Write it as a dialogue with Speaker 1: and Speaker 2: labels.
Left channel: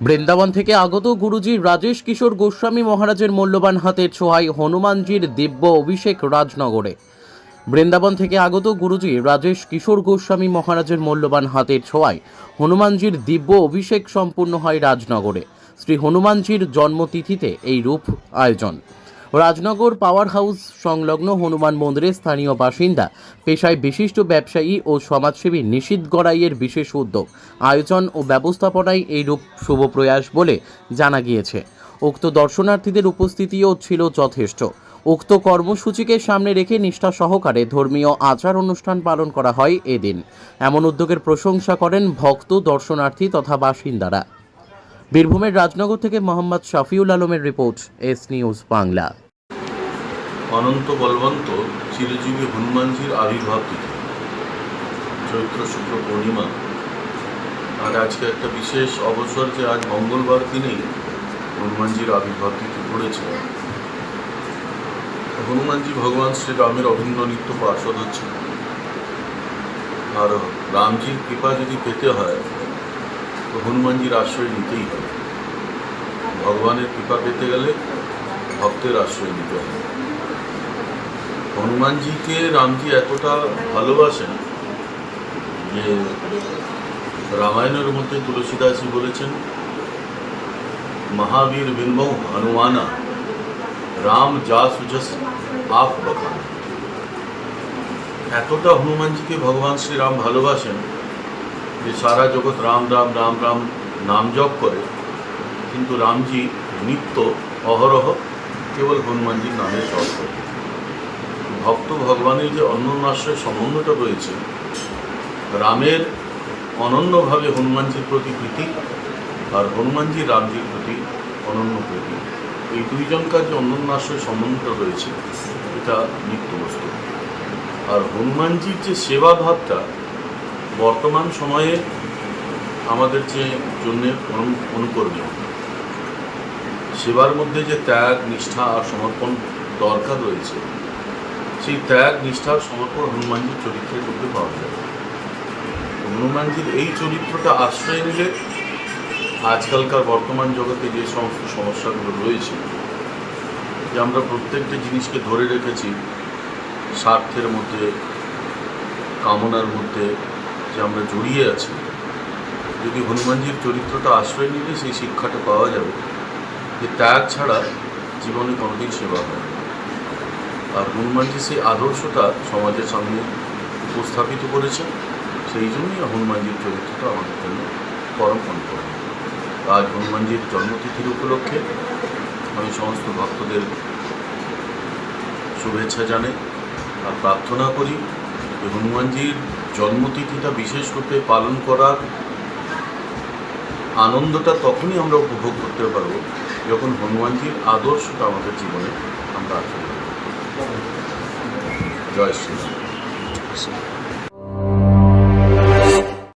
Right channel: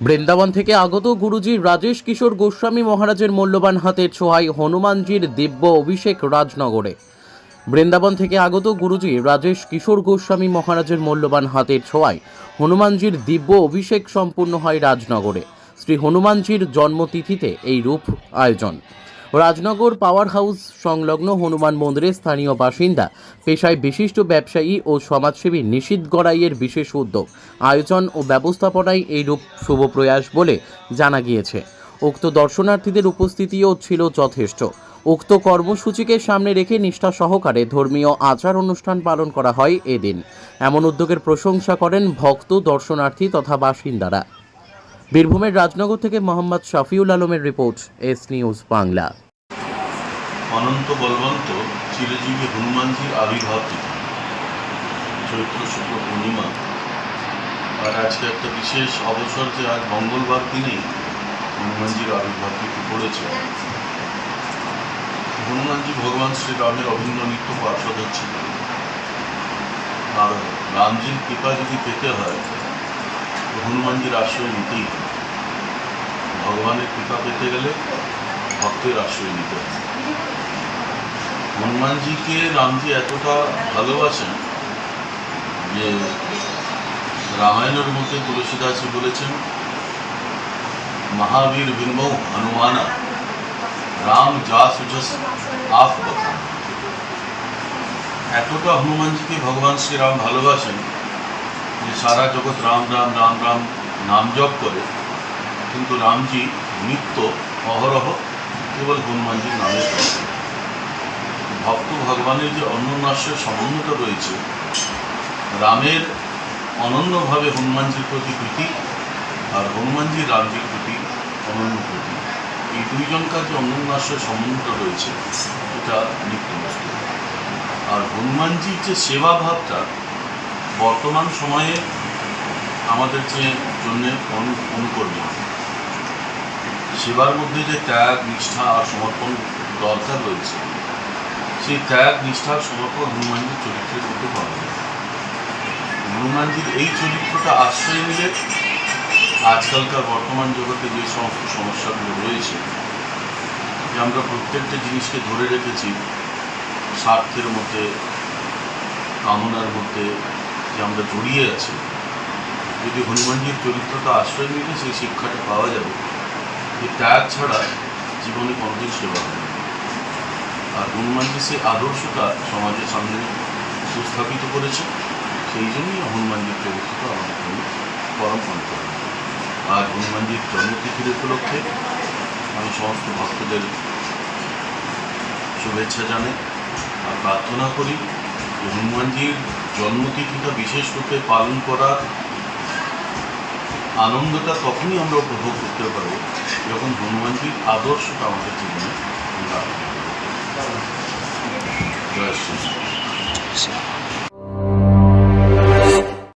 Speaker 1: বৃন্দাবন থেকে আগত গুরুজি রাজেশ কিশোর গোস্বামী মহারাজের মূল্যবান হাতের ছোঁয়ায় হনুমানজির দিব্য অভিষেক রাজনগরে। বৃন্দাবন থেকে আগত গুরুজি রাজেশ কিশোর গোস্বামী মহারাজের মূল্যবান হাতের ছোঁয়ায় হনুমানজির দিব্য অভিষেক সম্পূর্ণ হয় রাজনগরে। শ্রী হনুমানজির জন্মতিথিতে এই রূপ আয়োজন। রাজনগর পাওয়ার হাউস সংলগ্ন হনুমান মন্দিরের স্থানীয় বাসিন্দা, পেশায় বিশিষ্ট ব্যবসায়ী ও সমাজসেবী নিশীত গড়াইয়ের বিশেষ উদ্যোগ। আয়োজন ও ব্যবস্থাপনায় এই রূপ শুভ প্রয়াস বলে জানা গিয়েছে। উক্ত দর্শনার্থীদের উপস্থিতিও ছিল যথেষ্ট। উক্ত কর্মসূচিকে সামনে রেখে নিষ্ঠা সহকারে ধর্মীয় আচার অনুষ্ঠান পালন করা হয় এদিন। এমন উদ্যোগের প্রশংসা করেন ভক্ত, দর্শনার্থী তথা বাসিন্দারা। বীরভূমের রাজনগর থেকে মোহাম্মদ শফিউল আলমের রিপোর্ট, এস নিউজ বাংলা।
Speaker 2: অনন্ত বলবন্ত চিরজীবী হনুমানজির আবির্ভাব তিথি চৈত্র শুক্ল পূর্ণিমা। আর আজকে একটা বিশেষ অবসর যে আজ মঙ্গলবার দিনেই হনুমানজির আবির্ভাব তিথি পড়েছে। হনুমানজি ভগবান শ্রীরামের অভিন্ন নিত্য পার্ষদ হচ্ছে আর রামজির কৃপা যদি পেতে হয়, তো হনুমানজির আশ্রয় নিতেই হবে। ভগবানের কৃপা পেতে গেলে ভক্তের আশ্রয় নিতে হবে। হনুমানজিকে রামজি এতটা ভালোবাসেন যে রামায়ণের মধ্যে তুলসীদাসী বলেছেন, মহাবীর বিন্মৌ হনুমানা, রাম যা সুজস আপ বতান এতটা হনুমানজিকে ভগবান শ্রীরাম ভালোবাসেন যে সারা জগৎ রাম রাম রাম রাম নাম জপ করে, কিন্তু রামজি নিত্য অহরহ কেবল হনুমানজির নামে জপ করে। ভক্ত ভগবানের যে অন্যন্যাশ্রয় সম্বন্ধটা রয়েছে, রামের অনন্যভাবে হনুমানজির প্রতি প্রীতি আর হনুমানজি রামজির প্রতি অনন্য প্রীতি, এই দুইজনকার যে অন্যন্যাশ্রয় সম্বন্ধটা রয়েছে, এটা নিত্য বস্তু। আর হনুমানজির যে সেবা ভাবটা বর্তমান সময়ে আমাদের যে জন্যে অনু, অনুকরণীয়। সেবার মধ্যে যে ত্যাগ, নিষ্ঠা আর সমর্পণ দরকার রয়েছে সেই ত্যাগ নিষ্ঠার সমর্পণ, হনুমানজির চরিত্রের মধ্যে পাওয়া যায় হনুমানজির এই চরিত্রটা আশ্রয় নিলে আজকালকার বর্তমান জগতে যে সমস্ত সমস্যাগুলো রয়েছে, যে আমরা প্রত্যেকটা জিনিসকে ধরে রেখেছি, স্বার্থের মধ্যে, কামনার মধ্যে যে আমরা জড়িয়ে আছি, যদি হনুমানজির চরিত্রটা আশ্রয় নিলে সেই শিক্ষাটা পাওয়া যাবে যে ত্যাগ ছাড়া জীবনে কোনোদিন সেবা হয়। আর হনুমানজি সেই আদর্শটা সমাজের সামনে উপস্থাপিত করেছে। সেই জন্যই হনুমানজির চরিত্রটা আমাদের জন্য পরম পন্থা আজ হনুমানজির জন্মতিথির উপলক্ষে আমি সমস্ত ভক্তদের শুভেচ্ছা জানাই আর প্রার্থনা করি যে হনুমানজির জন্মতিথিটা বিশেষ রূপে পালন করার আনন্দটা তখনই আমরা উপভোগ করতে পারব যখন হনুমানজির আদর্শটা আমাদের জীবনে আমরা জয় শ্রী